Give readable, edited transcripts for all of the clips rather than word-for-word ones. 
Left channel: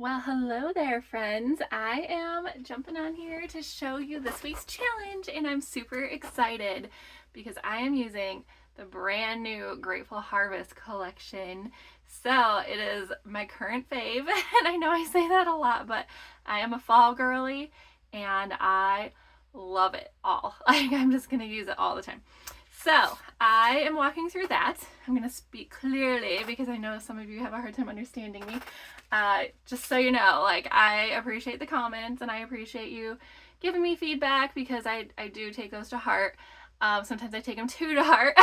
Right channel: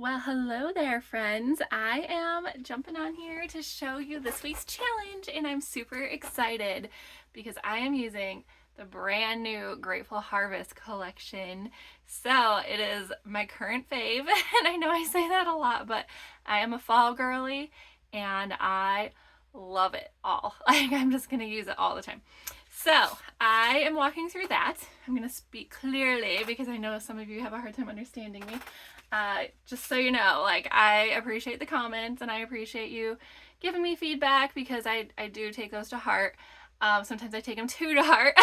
Well, hello there, friends. I am jumping on here to show you this week's challenge, and I'm super excited because I am using the brand new Grateful Harvest collection. So it is my current fave, and I know I say that a lot, but I am a fall girly, and I love it all. Like, I'm just going to use it all the time. So I am walking through that. I'm going to speak clearly because I know some of you have a hard time understanding me. Just so you know, like, I appreciate the comments and I appreciate you giving me feedback because I do take those to heart. Sometimes I take them too to heart,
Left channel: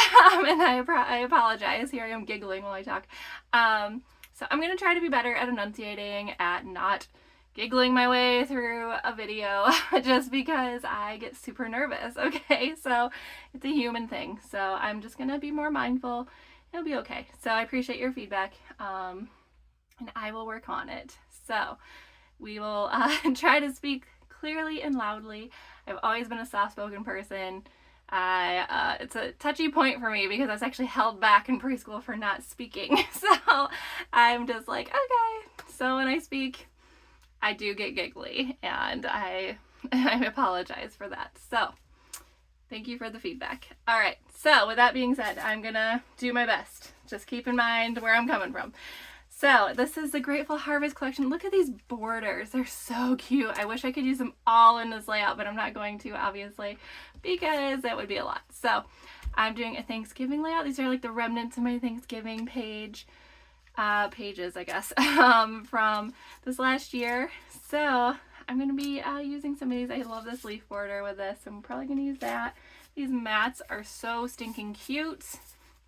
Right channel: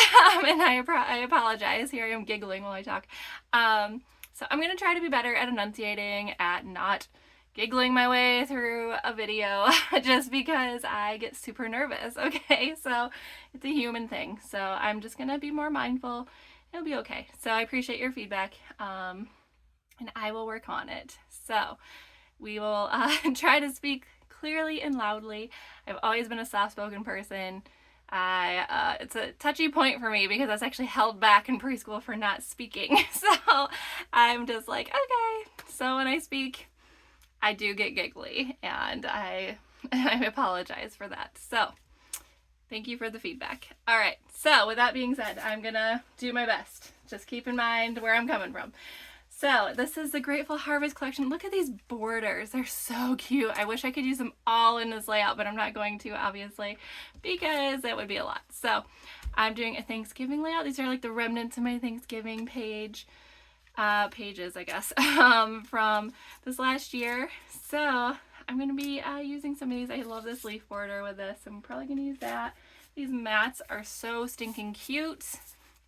and I apologize. Here I am giggling while I talk. So I'm going to try to be better at enunciating, at not giggling my way through a video just because I get super nervous, okay? So it's a human thing. So I'm just going to be more mindful. It'll be okay. So I appreciate your feedback. And I will work on it. So we will try to speak clearly and loudly. I've always been a soft-spoken person. It's a touchy point for me because I was actually held back in preschool for not speaking. So I'm just like, okay. So when I speak, I do get giggly, and I apologize for that. So thank you for the feedback. All right. So with that being said, I'm gonna do my best. Just keep in mind where I'm coming from. So this is the Grateful Harvest collection. Look at these borders. They're so cute. I wish I could use them all in this layout, but I'm not going to, obviously, because that would be a lot. So I'm doing a Thanksgiving layout. These are like the remnants of my Thanksgiving pages, I guess, from this last year. So I'm going to be using some of these. I love this leaf border with this. I'm probably going to use that. These mats are so stinking cute.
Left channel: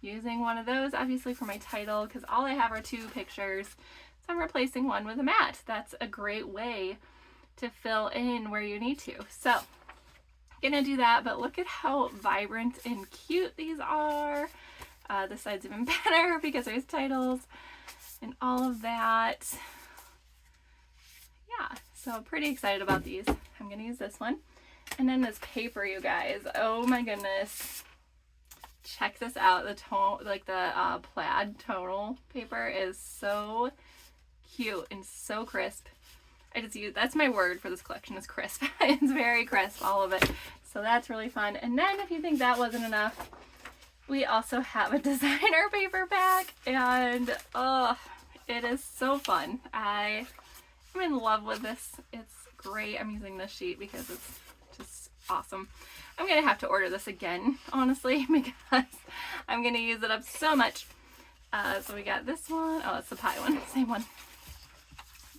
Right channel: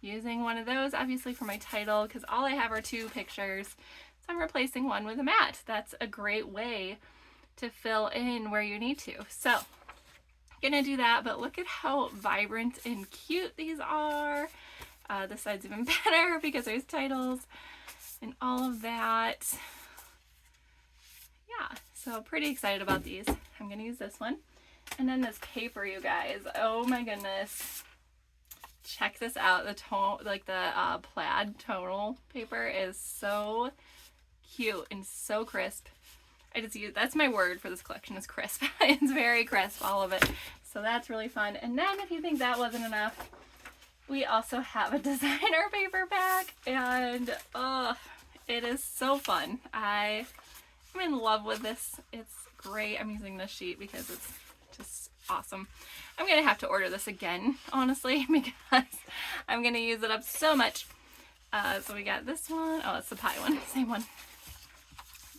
Using one of those, obviously, for my title, because all I have are two pictures. So I'm replacing one with a mat. That's a great way to fill in where you need to. So I'm gonna do that, but look at how vibrant and cute these are. This side's even better because there's titles and all of that. Yeah, so pretty excited about these. I'm gonna use this one. And then this paper, you guys. Oh my goodness. Check this out. The plaid tonal paper is so cute and so crisp. That's my word for this collection, is crisp. It's very crisp, all of it. So that's really fun. And then if you think that wasn't enough, we also have a designer paper pack, and it is so fun. I'm in love with this. It's great. I'm using this sheet because it's just awesome. I'm going to have to order this again, honestly, because I'm going to use it up so much. So we got this one. Oh, it's the pie one. Same one.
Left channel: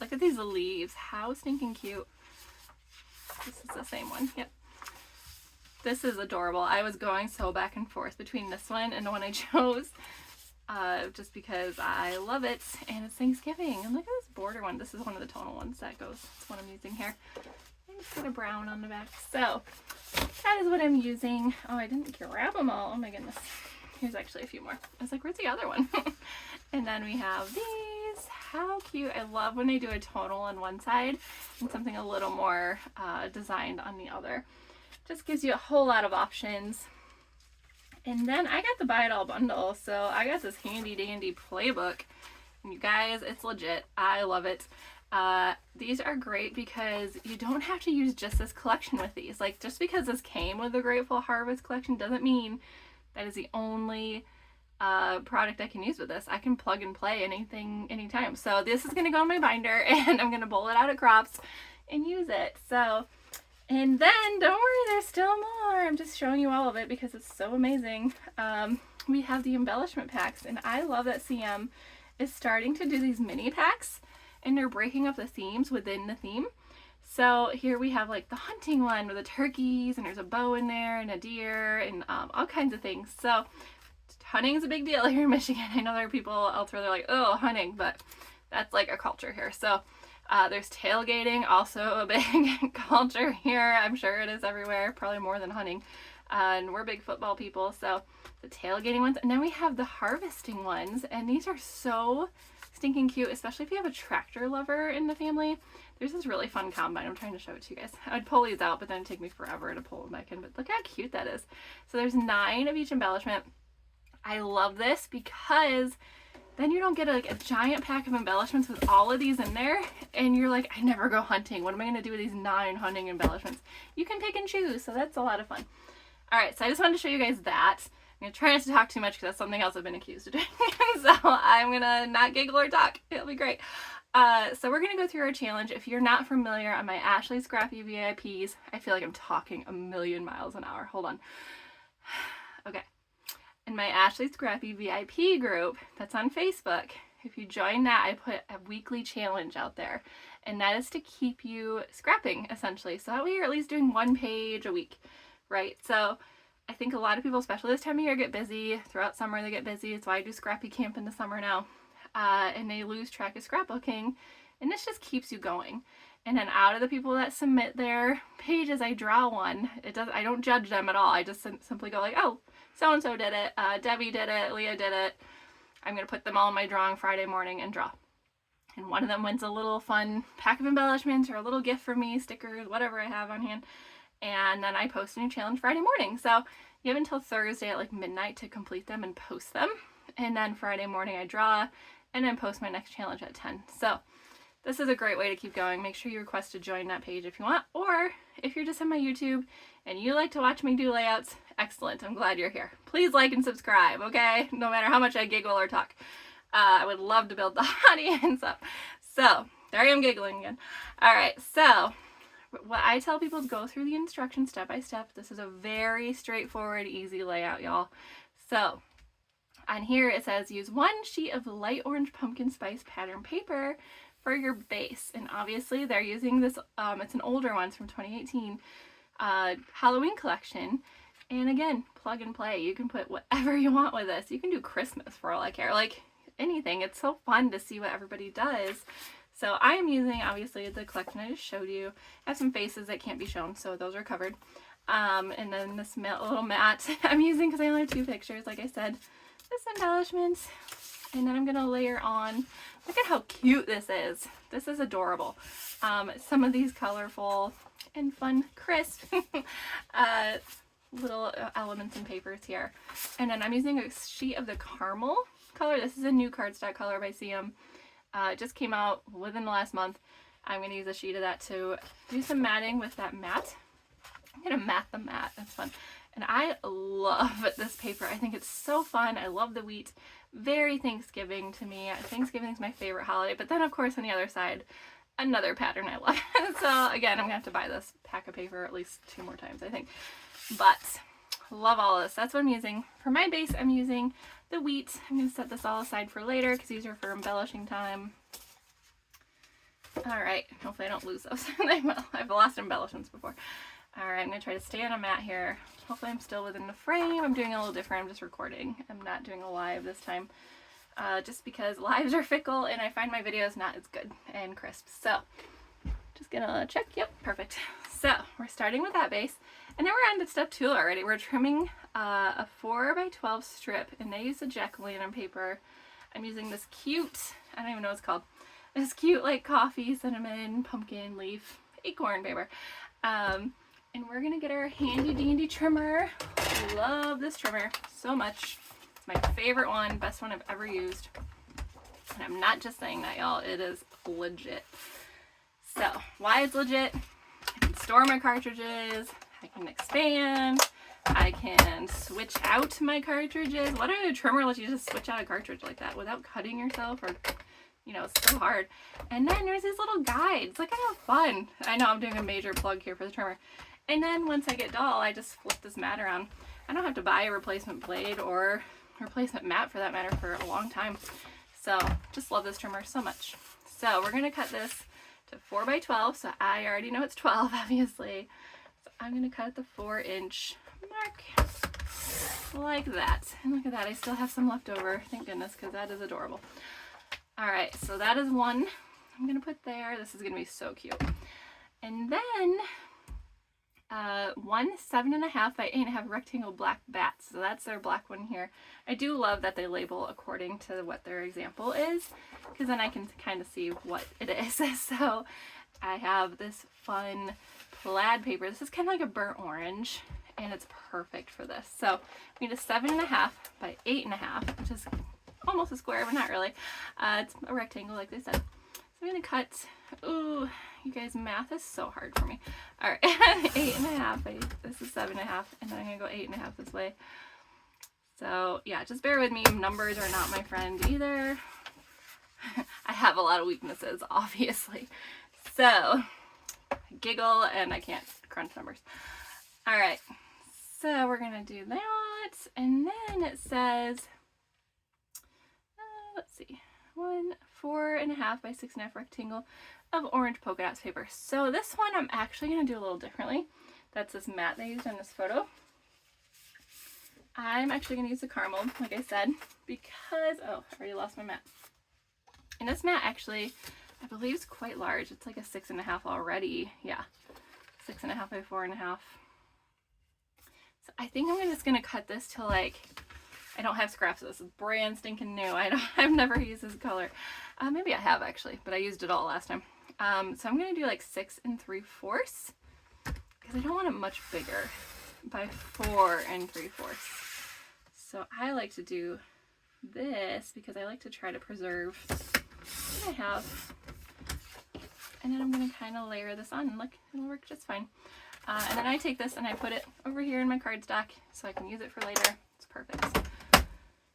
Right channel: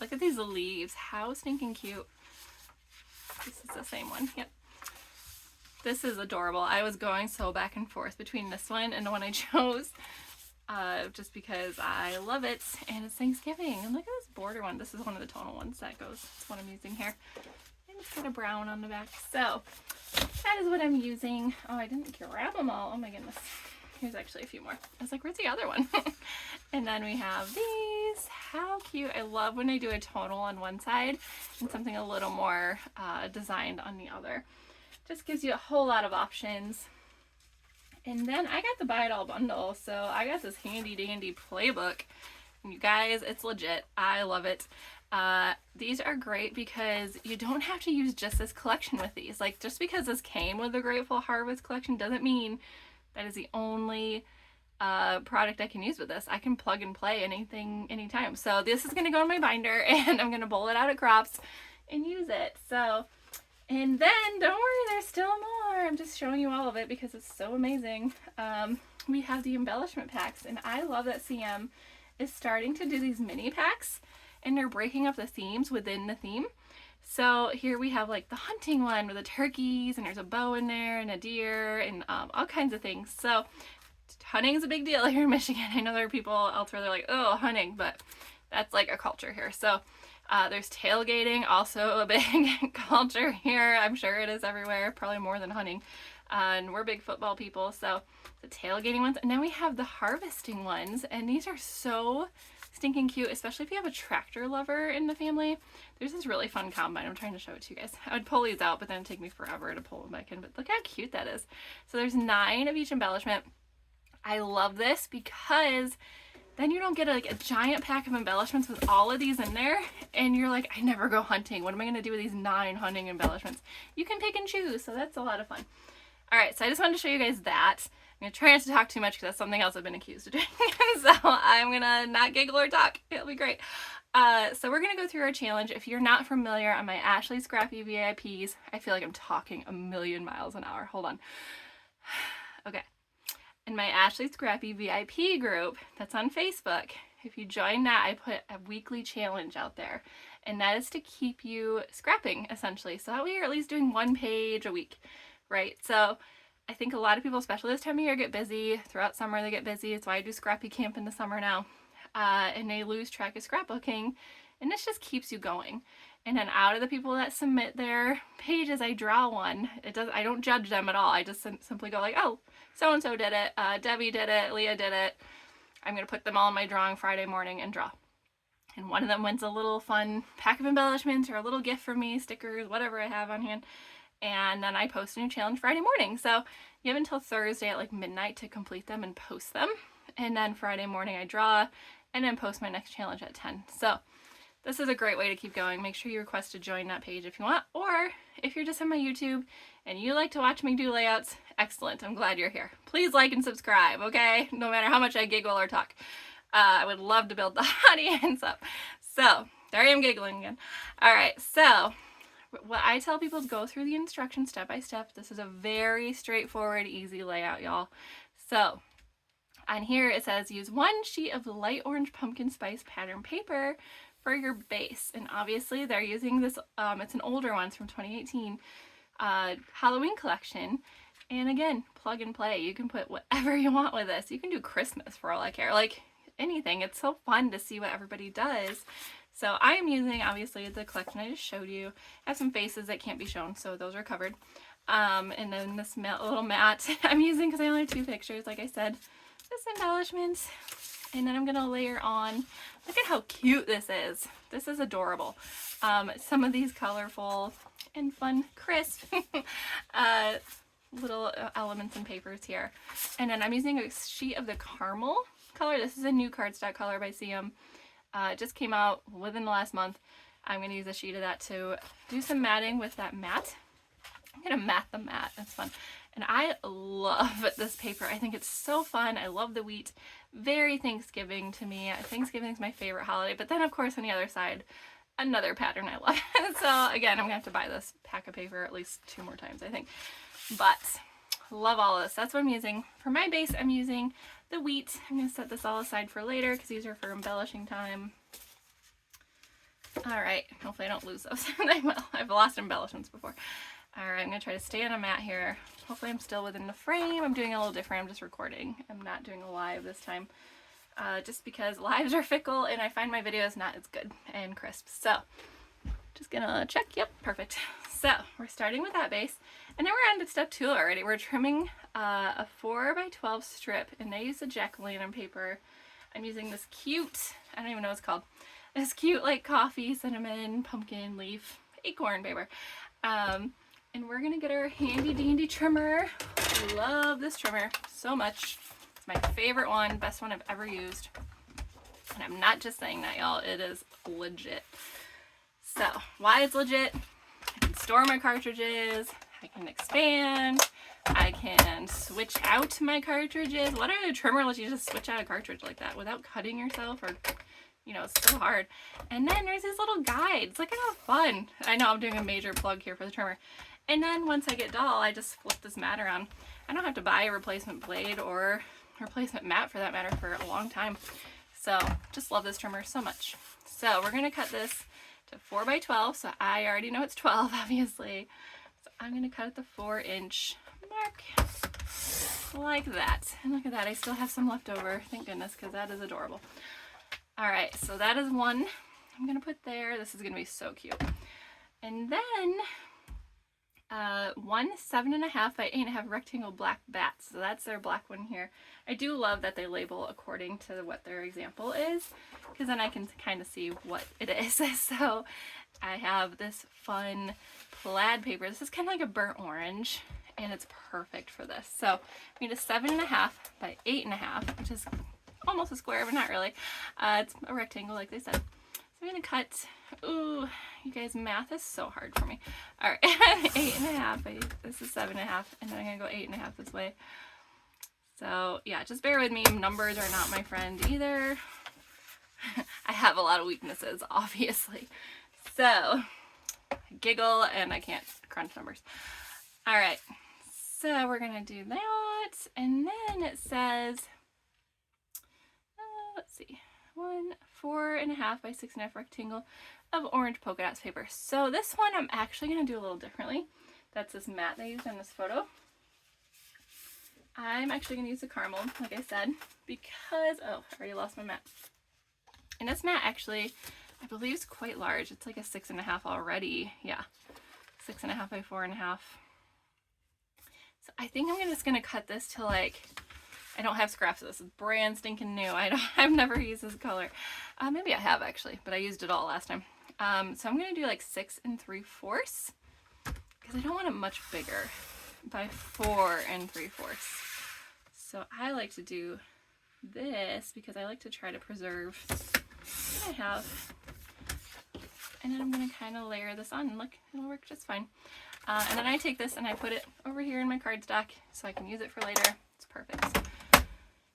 Look at these leaves. How stinking cute. This is the same one. Yep. This is adorable. I was going so back and forth between this one and the one I chose, just because I love it, and it's Thanksgiving. And look at this border one. This is one of the tonal ones that goes. That's what I'm using here. It's got a brown on the back. So that is what I'm using. Oh, I didn't grab them all. Oh my goodness. Here's actually a few more. I was like, where's the other one? And then we have these. How cute. I love when I do a tonal on one side and something a little more designed on the other. Just gives you a whole lot of options. And then I got the Buy It All bundle. So I got this handy dandy playbook. And you guys, it's legit. I love it. These are great because you don't have to use just this collection with these. Like, just because this came with the Grateful Harvest collection doesn't mean that is the only product I can use with this. I can plug and play anything, anytime. So this is going to go in my binder, and I'm going to bowl it out at Crops and use it. So, and then don't worry, there's still more. I'm just showing you all of it because it's so amazing. We have the embellishment packs, and I love that CM is starting to do these mini packs, and they're breaking up the themes within the theme. So here we have like the hunting one with the turkeys, and there's a bow in there and a deer and all kinds of things. So hunting is a big deal here in Michigan. I know there are people elsewhere that are like, oh, hunting, but that's like a culture here. So there's tailgating, also a big culture here. I'm sure it is everywhere, probably more than hunting. And we're big football people, so the tailgating ones. And then we have the harvesting ones, and these are so stinking cute, especially if you have a tractor lover in the family. There's this really fun combine. I'm trying to show it to you guys. I would pull these out, but then it'd take me forever to pull them back in. But look how cute that is. So there's 9 of each embellishment. I love this because then you don't get like a giant pack of embellishments with all of these in there, and you're like, I never go hunting. What am I going to do with these 9 hunting embellishments? You can pick and choose, so that's a lot of fun. All right, so I just wanted to show you guys that. I'm going to try not to talk too much because that's something else I've been accused of doing. So I'm going to not giggle or talk. It'll be great. So we're going to go through our challenge. If you're not familiar on my Ashley Scrappy VIPs, I feel like I'm talking a million miles an hour. Hold on. Okay. In my Ashley Scrappy VIP group that's on Facebook, if you join that, I put a weekly challenge out there. And that is to keep you scrapping, essentially. So that way you're at least doing 1 page a week, right? So I think a lot of people, especially this time of year, get busy. Throughout summer, they get busy. It's why I do Scrappy Camp in the summer now. And they lose track of scrapbooking. And this just keeps you going. And then out of the people that submit their pages, I draw one. I don't judge them at all. I just simply go like, oh, so-and-so did it. Debbie did it. Leah did it. I'm going to put them all in my drawing Friday morning and draw. And one of them wins a little fun pack of embellishments or a little gift for me, stickers, whatever I have on hand. And then I post a new challenge Friday morning. So you have until Thursday at like midnight to complete them and post them. And then Friday morning I draw and then post my next challenge at 10. So this is a great way to keep going. Make sure you request to join that page if you want. Or if you're just on my YouTube and you like to watch me do layouts, excellent. I'm glad you're here. Please like and subscribe, okay? No matter how much I giggle or talk. I would love to build the audience up. So, there I am giggling again. All right, so what I tell people is go through the instructions step by step. This is a very straightforward, easy layout, y'all. So, on here it says use 1 sheet of light orange pumpkin spice pattern paper for your base. And obviously they're using this, it's an older one, it's from 2018, Halloween collection. And again, plug and play. You can put whatever you want with this. You can do Christmas for all I care. Like anything. It's so fun to see what everybody does. So I'm using, obviously, the collection I just showed you. I have some faces that can't be shown, so those are covered. And then this little mat I'm using because I only have 2 pictures, like I said. This embellishment. And then I'm going to layer on. Look at how cute this is. This is adorable. Some of these colorful and fun, crisp little elements and papers here. And then I'm using a sheet of the caramel color. This is a new cardstock color by CM. It just came out within the last month. I'm going to use a sheet of that to do some matting with that mat. I'm going to mat the mat. That's fun. And I love this paper. I think it's so fun. I love the wheat. Very Thanksgiving to me. Thanksgiving is my favorite holiday. But then, of course, on the other side, another pattern I love. So, again, I'm going to have to buy this pack of paper at least 2 more times, I think. But love all of this. That's what I'm using. For my base, I'm using the wheat. I'm going to set this all aside for later because these are for embellishing time. Alright, hopefully I don't lose those. I've lost embellishments before. Alright, I'm going to try to stay on a mat here. Hopefully I'm still within the frame. I'm doing a little different. I'm just recording. I'm not doing a live this time. Just because lives are fickle and I find my videos not as good and crisp. So, just going to check. Yep, perfect. So, we're starting with that base. And then we're on to step 2 already. We're trimming a 4x12 strip, and I use a jack-o'-lantern paper. I'm using this cute, I don't even know what it's called, this cute like coffee, cinnamon, pumpkin leaf, acorn paper. And we're gonna get our handy dandy trimmer. I love this trimmer so much. It's my favorite one, best one I've ever used. And I'm not just saying that, y'all. It is legit. So, why it's legit? I can store my cartridges. I can expand. I can switch out my cartridges. What a trimmer lets you just switch out a cartridge like that without cutting yourself, or, you know, it's so hard. And then there's these little guides. Look at how fun. I know I'm doing a major plug here for the trimmer. And then once I get dull, I just flip this mat around. I don't have to buy a replacement blade or replacement mat for that matter for a long time. So just love this trimmer so much. So we're going to cut this to 4x12. So I already know it's 12, obviously. So I'm going to cut at the 4-inch mark like that. And look at that. I still have some left over. Thank goodness, because that is adorable. All right. So that is one I'm going to put there. This is going to be so cute. And then one 7.5 by 8.5 rectangle black bats. So that's their black one here. I do love that they label according to what their example is, because then I can kind of see what it is. So I have this fun plaid paper. This is kind of like a burnt orange, and it's perfect for this. So I need a 7.5 by 8.5, which is almost a square, but not really. It's a rectangle, like they said. So I'm gonna cut. Ooh, you guys, math is so hard for me. All right, 8.5. This is 7.5, and then I'm gonna go 8.5 this way. So yeah, just bear with me. Numbers are not my friend either. I have a lot of weaknesses, obviously. So I giggle and I can't crunch numbers. All right, so we're gonna do that, and then it says, let's see, 4.5 by 6.5 rectangle of orange polka dots paper. So this one I'm actually gonna do a little differently. That's this mat they used in this photo. I'm actually gonna use the caramel, like I said, because, oh, I already lost my mat. And this mat actually, I believe, is quite large. It's like a 6.5 already. Yeah, 6.5 by 4.5. So I think I'm just gonna cut this to, like, I don't have scraps of this. It's brand stinking new. I've never used this color. Maybe I have actually, but I used it all last time. So I'm gonna do like 6 3/4 because I don't want it much bigger, by 4 3/4. So I like to do this because I like to try to preserve what I have. And then I'm gonna kind of layer this on, and look, it'll work just fine. And then I take this and I put it over here in my cardstock so I can use it for later. It's perfect.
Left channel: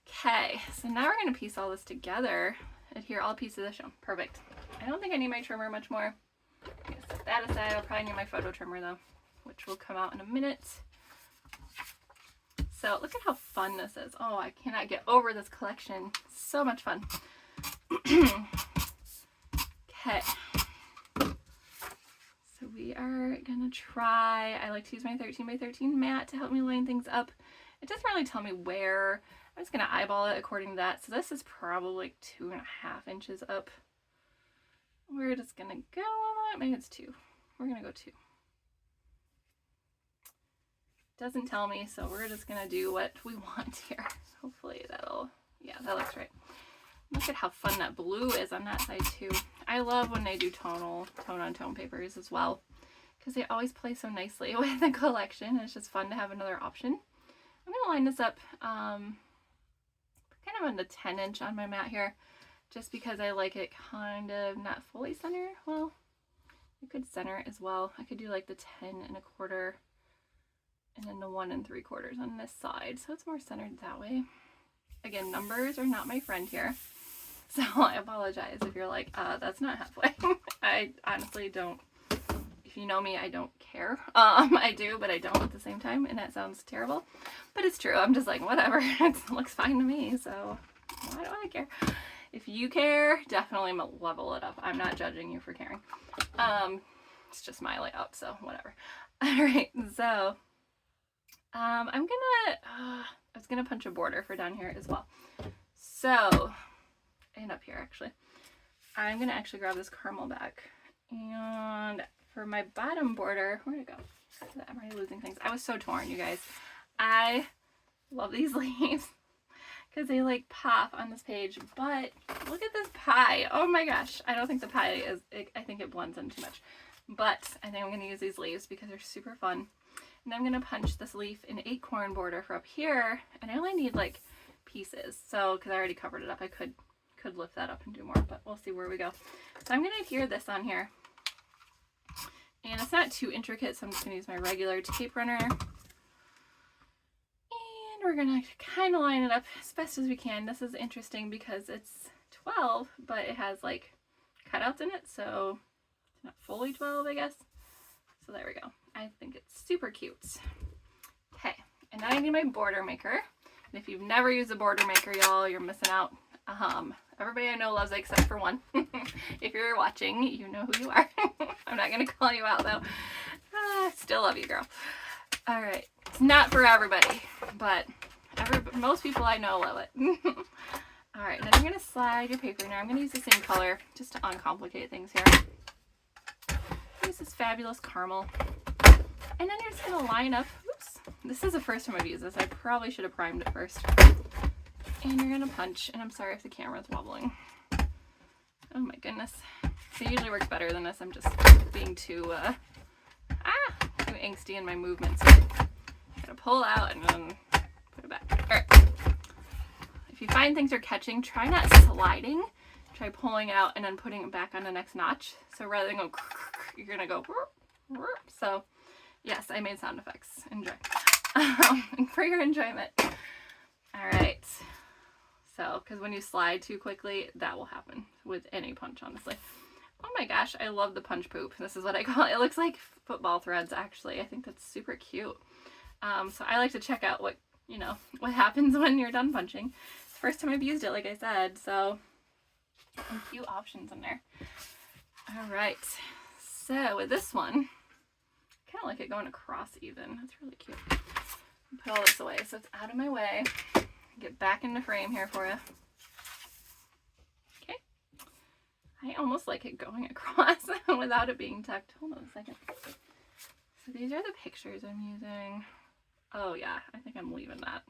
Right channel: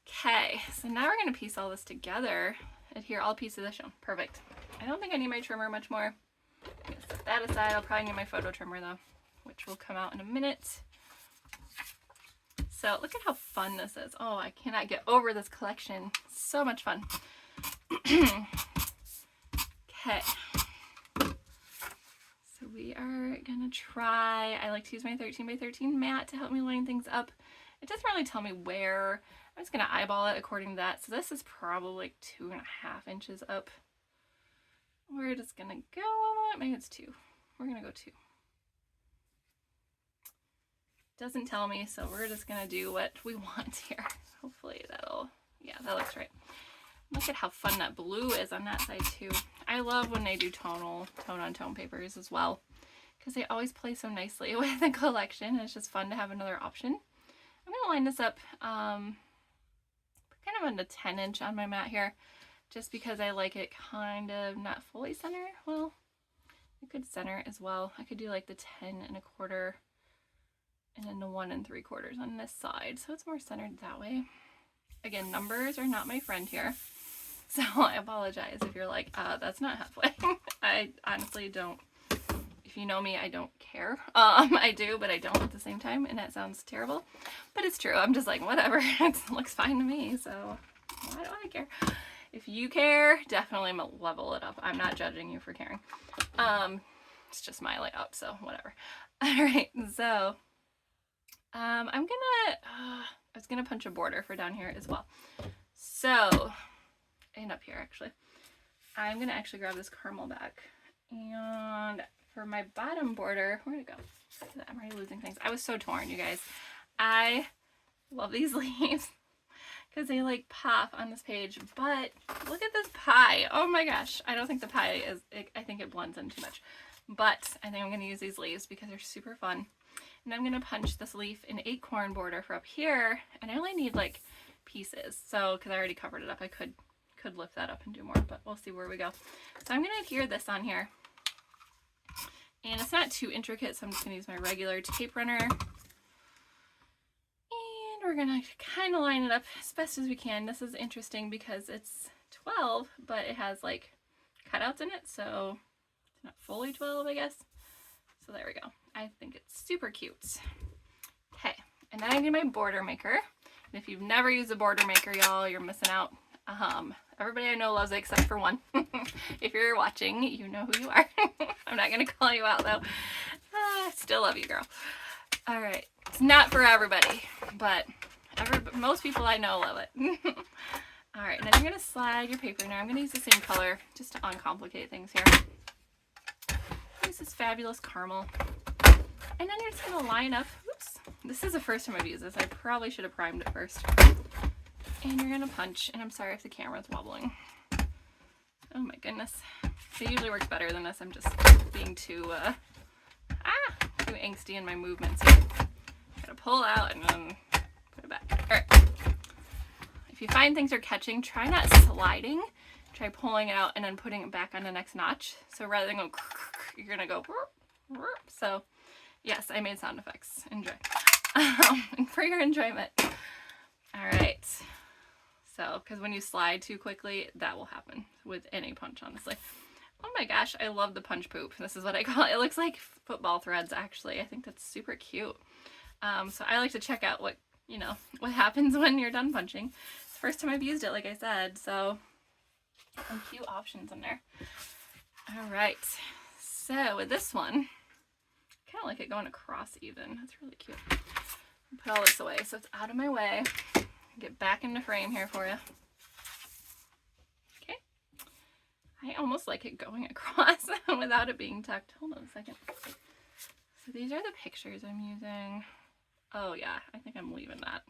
Okay, so now we're gonna piece all this together. Adhere all pieces as shown. Perfect. I don't think I need my trimmer much more. I'm gonna set that aside. I'll probably need my photo trimmer though, which will come out in a minute. So look at how fun this is. Oh, I cannot get over this collection. So much fun. Okay. So we are gonna try, I like to use my 13 by 13 mat to help me line things up. It doesn't really tell me where. I'm just gonna eyeball it according to that. So this is probably like 2.5 inches up. We're just gonna go, maybe it's 2. We're gonna go 2. Doesn't tell me, so we're just gonna do what we want here. Hopefully that'll, yeah, that looks right. Look at how fun that blue is on that side too. I love when they do tone on tone papers as well, because they always play so nicely with the collection. It's just fun to have another option. I'm gonna line this up kind of on the 10-inch on my mat here, just because I like it kind of not fully center. Well, you could center as well. I could do like the 10 1/4 and then the 1 3/4 on this side, so it's more centered that way. Again, numbers are not my friend here, so I apologize if you're like, that's not halfway. I honestly don't. If you know me, I don't care. I do, but I don't at the same time, and that sounds terrible, but it's true. I'm just like, whatever. It looks fine to me, so why do I care? If you care, definitely level it up. I'm not judging you for caring. It's just my layout, so whatever. All right, so I was gonna punch a border for down here as well. So, and up here actually. I'm gonna actually grab this caramel back, and for my bottom border, where'd it go? I'm already losing things. I was so torn, you guys. I love these leaves because they like pop on this page, but look at this pie. Oh my gosh. I don't think the pie is, I think it blends in too much, but I think I'm gonna use these leaves because they're super fun. And I'm gonna punch this leaf in acorn border for up here, and I only need like pieces. So, because I already covered it up, I could lift that up and do more, but we'll see where we go. So I'm gonna adhere this on here. And it's not too intricate, so I'm just gonna use my regular tape runner. And we're gonna kind of line it up as best as we can. This is interesting because it's 12, but it has like cutouts in it, so it's not fully 12, I guess. So there we go. I think it's super cute. Okay, and then I need my border maker. And if you've never used a border maker, y'all, you're missing out. Everybody I know loves it except for one. If you're watching, you know who you are. I'm not gonna call you out though. Still love you, girl. All right, it's not for everybody, but most people I know love it. All right, then I'm gonna slide your paper now. I'm gonna use the same color just to uncomplicate things here. Use this fabulous caramel. And then you're just gonna line up, oops, this is the first time I've used this. I probably should have primed it first. And you're gonna punch, and I'm sorry if the camera's wobbling. Oh my goodness. It usually works better than this. I'm just being too angsty in my movements. So I'm gonna pull out and then put it back. All right. If you find things are catching, try not sliding. Try pulling it out and then putting it back on the next notch. So rather than go, you're gonna go. So yes, I made sound effects. Enjoy. For your enjoyment. All right. So, because when you slide too quickly, that will happen with any punch, honestly. Oh my gosh, I love the punch poop. This is what I call it. It looks like football threads, actually. I think that's super cute. So I like to check out what, you know, what happens when you're done punching. It's the first time I've used it, like I said, so some cute options in there. All right. So with this one, I kind of like it going across even. That's really cute. Put all this away so it's out of my way. Get back into frame here for you. Okay. I almost like it going across without it being tucked. Hold on a second. So these are the pictures I'm using. Oh yeah, I think I'm leaving that.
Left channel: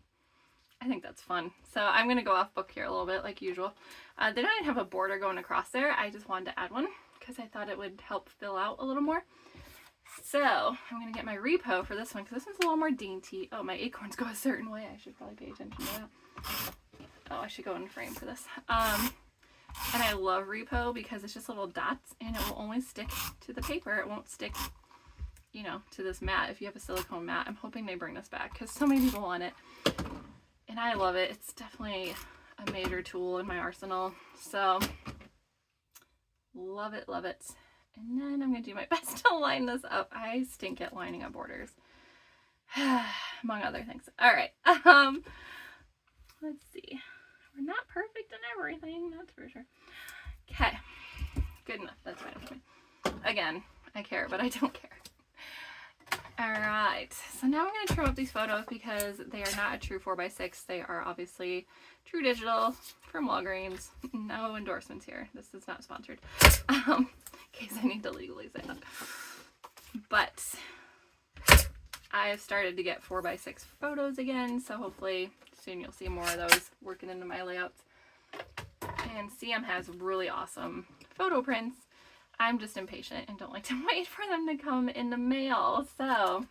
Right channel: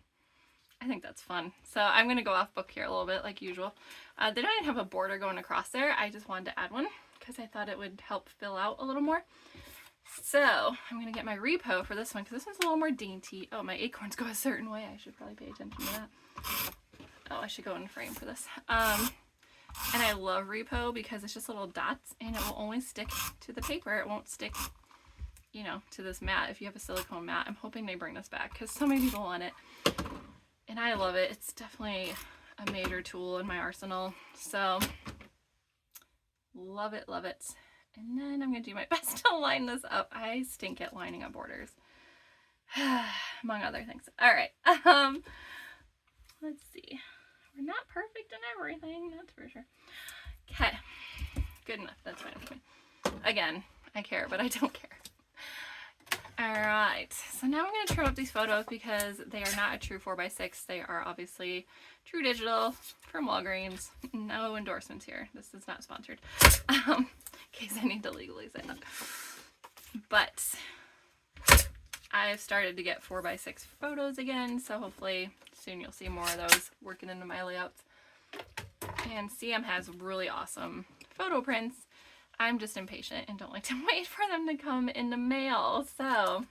I think that's fun. So I'm going to go off book here a little bit like usual. They don't even have a border going across there. I just wanted to add one because I thought it would help fill out a little more. So I'm going to get my repo for this one because this one's a little more dainty. Oh, my acorns go a certain way. I should probably pay attention to that. Oh, I should go in frame for this. And I love repo because it's just little dots and it will only stick to the paper. It won't stick, you know, to this mat. If you have a silicone mat, I'm hoping they bring this back because so many people want it. And I love it. It's definitely a major tool in my arsenal. So love it, love it. And then I'm going to do my best to line this up. I stink at lining up borders. Among other things. All right. Let's see. We're not perfect in everything, that's for sure. Okay. Good enough. That's fine with me. Again, I care, but I don't care. All right. So now I'm going to trim up these photos because they are not a true 4x6. They are obviously true digital from Walgreens. No endorsements here. This is not sponsored. In case I need to legally say that. But I've started to get 4x6 photos again, so hopefully soon you'll see more of those working into my layouts. And CM has really awesome photo prints. I'm just impatient and don't like to wait for them to come in the mail. So,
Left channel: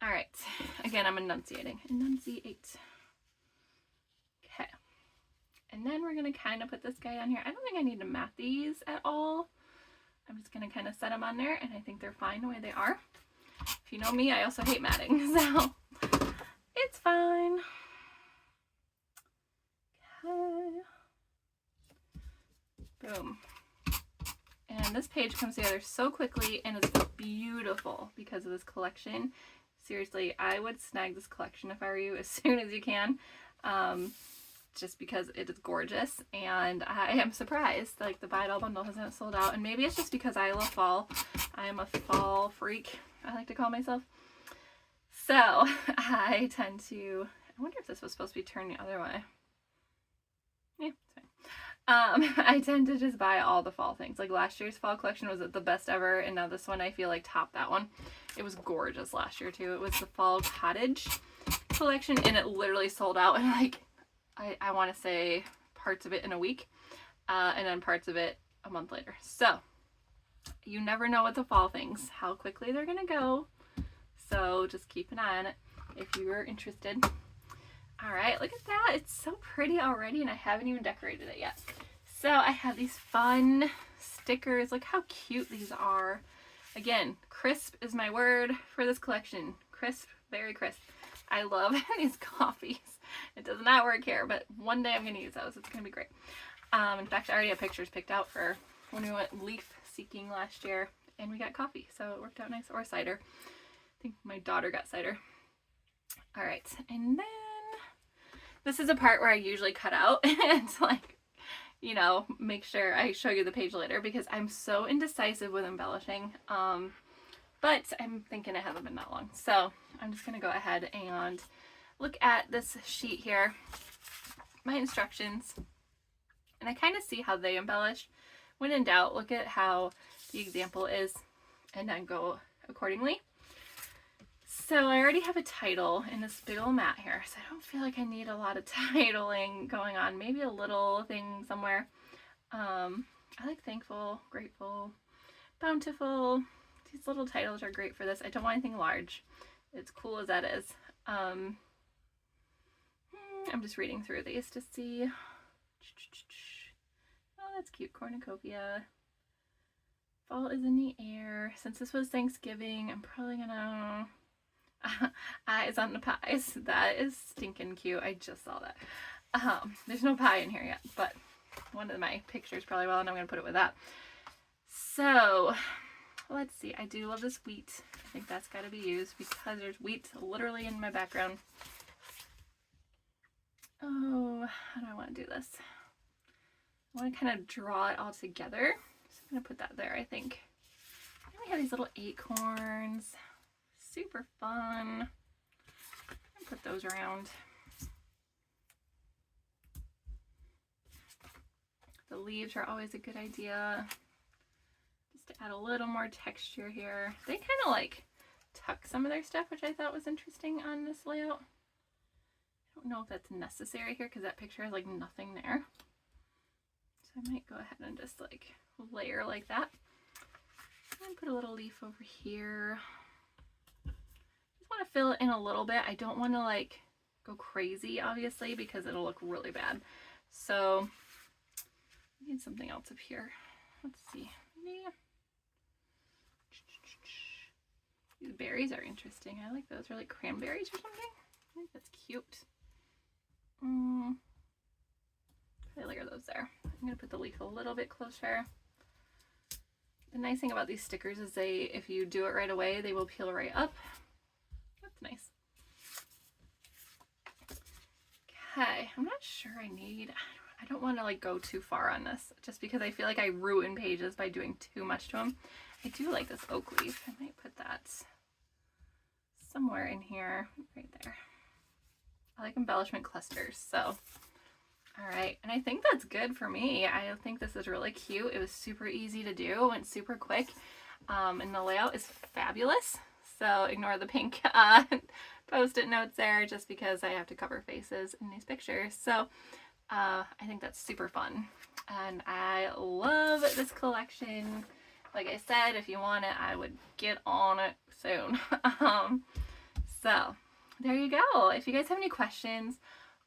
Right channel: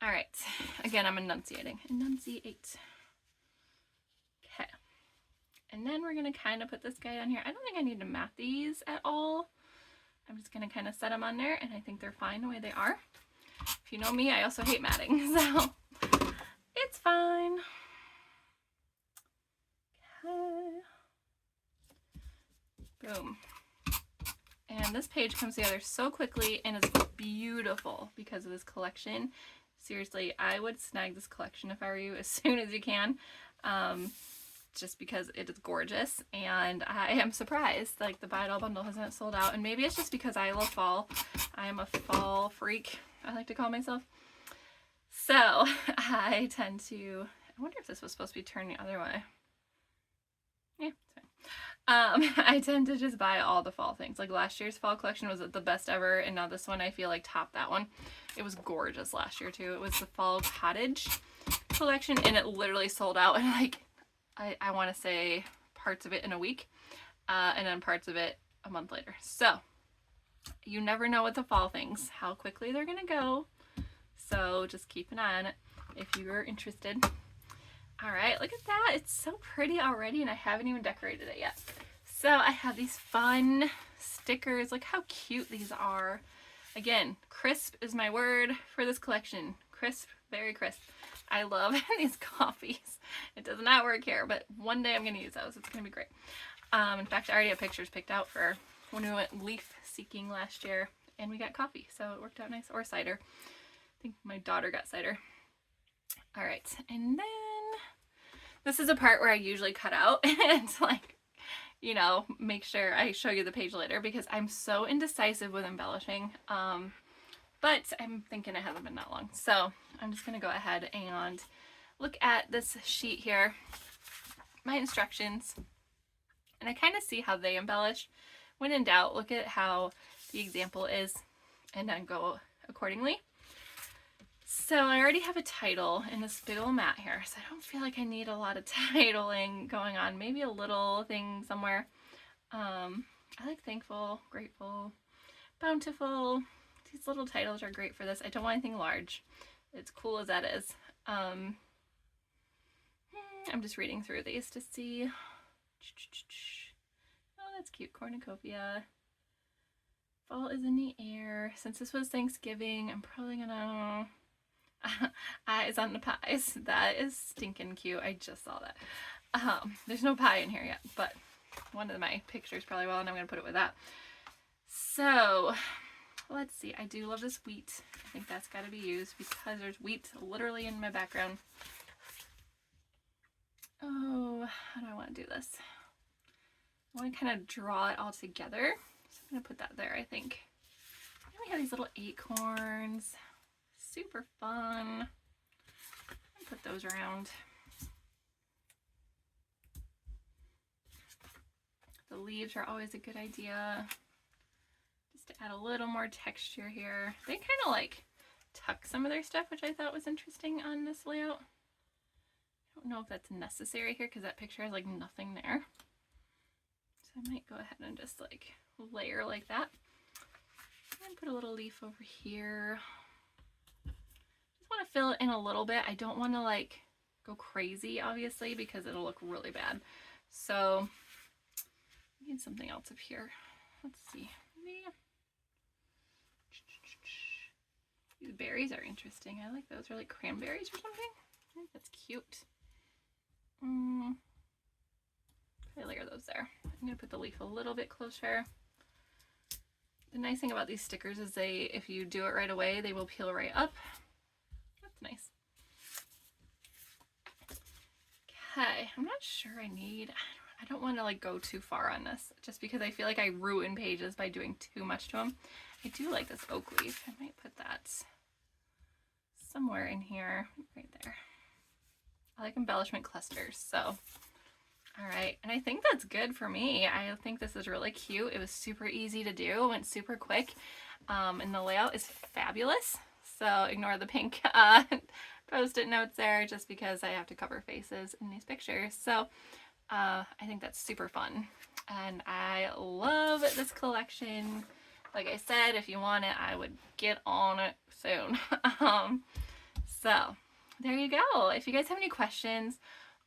all right. Again, I'm enunciating. Enunciate. Okay. And then we're going to kind of put this guy on here. I don't think I need to mat these at all. I'm just going to kind of set them on there, and I think they're fine the way they are. If you know me, I also hate matting, so it's fine. Okay. Boom. And this page comes together so quickly and is beautiful because of this collection. Seriously, I would snag this collection if I were you as soon as you can. Just because it is gorgeous, and I am surprised like the buy it all bundle hasn't sold out, and maybe it's just because I love fall. I am a fall freak, I like to call myself. So I tend to, I wonder if this was supposed to be turned the other way. Yeah, it's fine. I tend to just buy all the fall things. Like last year's fall collection was the best ever, and now this one I feel like topped that one. It was gorgeous last year too. It was the fall cottage collection, and it literally sold out in like, I want to say parts of it in a week, and then parts of it a month later. So you never know with the fall things, how quickly they're going to go. So just keep an eye on it if you're interested. All right, look at that. It's so pretty already, and I haven't even decorated it yet. So I have these fun stickers. Look how cute these are. Again, crisp is my word for this collection. Crisp, very crisp. I love these coffees. It does not work here, but one day I'm going to use those. It's going to be great. In fact, I already have pictures picked out for when we went leaf seeking last year, and we got coffee, so it worked out nice. Or cider. I think my daughter got cider. All right, and then this is a part where I usually cut out. It's like, you know, make sure I show you the page later because I'm so indecisive with embellishing. But I'm thinking it hasn't been that long. So I'm just going to go ahead and look at this sheet here, my instructions, and I kind of see how they embellish. When in doubt, look at how the example is and then go accordingly. So I already have a title in this big old mat here, so I don't feel like I need a lot of titling going on. Maybe a little thing somewhere. I like thankful, grateful, bountiful. These little titles are great for this. I don't want anything large. It's cool as that is. I'm just reading through these to see. Oh, that's cute. Cornucopia. Fall is in the air. Since this was Thanksgiving, I'm probably gonna... eyes on the pies. That is stinking cute. I just saw that. There's no pie in here yet, but one of my pictures probably will, and I'm gonna put it with that. So let's see. I do love this wheat. I think that's got to be used because there's wheat literally in my background. Oh, how do I want to do this? I want to kind of draw it all together. So I'm gonna put that there, I think. And we have these little acorns. Super fun. I'll put those around. The leaves are always a good idea. Just to add a little more texture here. They kind of like tuck some of their stuff, which I thought was interesting on this layout. I don't know if that's necessary here because that picture has like nothing there. So I might go ahead and just like layer like that. And put a little leaf over here. Just want to fill it in a little bit. I don't want to like go crazy, obviously, because it'll look really bad. So I need something else up here. Let's see. Maybe... These berries are interesting. I like those. They're like cranberries or something. I think that's cute. I layer those there. I'm going to put the leaf a little bit closer. The nice thing about these stickers is if you do it right away, they will peel right up. That's nice. Okay, I'm not sure I don't want to like go too far on this just because I feel like I ruin pages by doing too much to them. I do like this oak leaf. I might put that somewhere in here, right there. I like embellishment clusters, so all right. And I think that's good for me. I think this is really cute. It was super easy to do, went super quick, and the layout is fabulous. So ignore the pink post-it notes there just because I have to cover faces in these pictures. So I think that's super fun. And I love this collection. Like I said, if you want it, I would get on it soon. So there you go. If you guys have any questions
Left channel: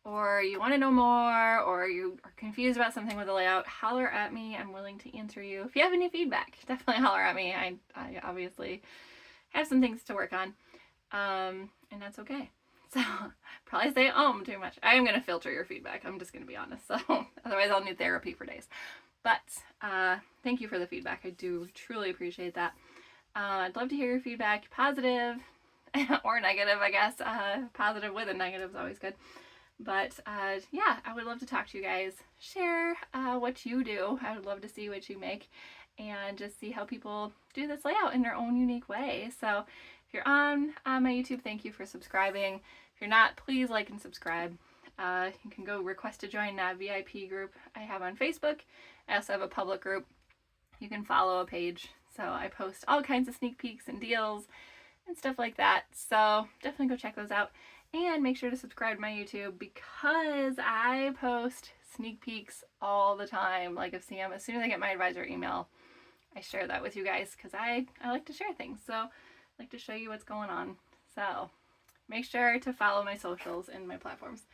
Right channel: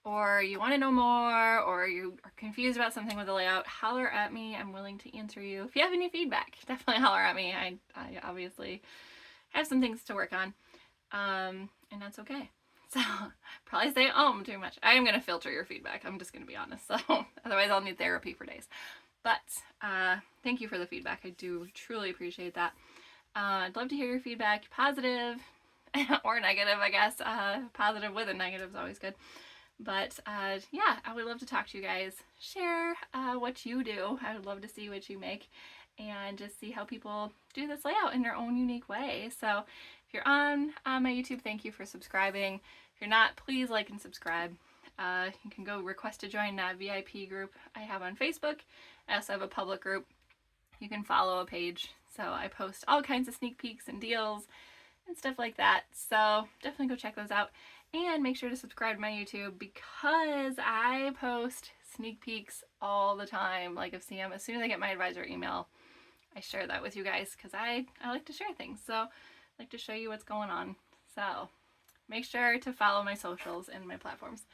or you want to know more or you are confused about something with the layout, holler at me. I'm willing to answer you. If you have any feedback, definitely holler at me. I obviously have some things to work on, and that's okay. So probably say too much. I am going to filter your feedback. I'm just going to be honest. So otherwise I'll need therapy for days. But thank you for the feedback. I do truly appreciate that. I'd love to hear your feedback, positive or negative, I guess. Positive with a negative is always good. But yeah, I would love to talk to you guys. Share what you do. I would love to see what you make and just see how people do this layout in their own unique way. So if you're on my YouTube, thank you for subscribing. If you're not, please like and subscribe. You can go request to join that VIP group I have on Facebook. I also have a public group. You can follow a page. So I post all kinds of sneak peeks and deals and stuff like that. So definitely go check those out. And make sure to subscribe to my YouTube because I post sneak peeks all the time. Like as soon as I get my advisor email, I share that with you guys because I like to share things. So I like to show you what's going on. So make sure to follow my socials and my platforms.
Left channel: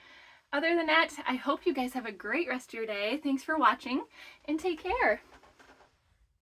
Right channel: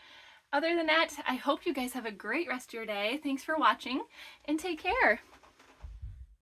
Other than that, I hope you guys have a great rest of your day. Thanks for watching and take care.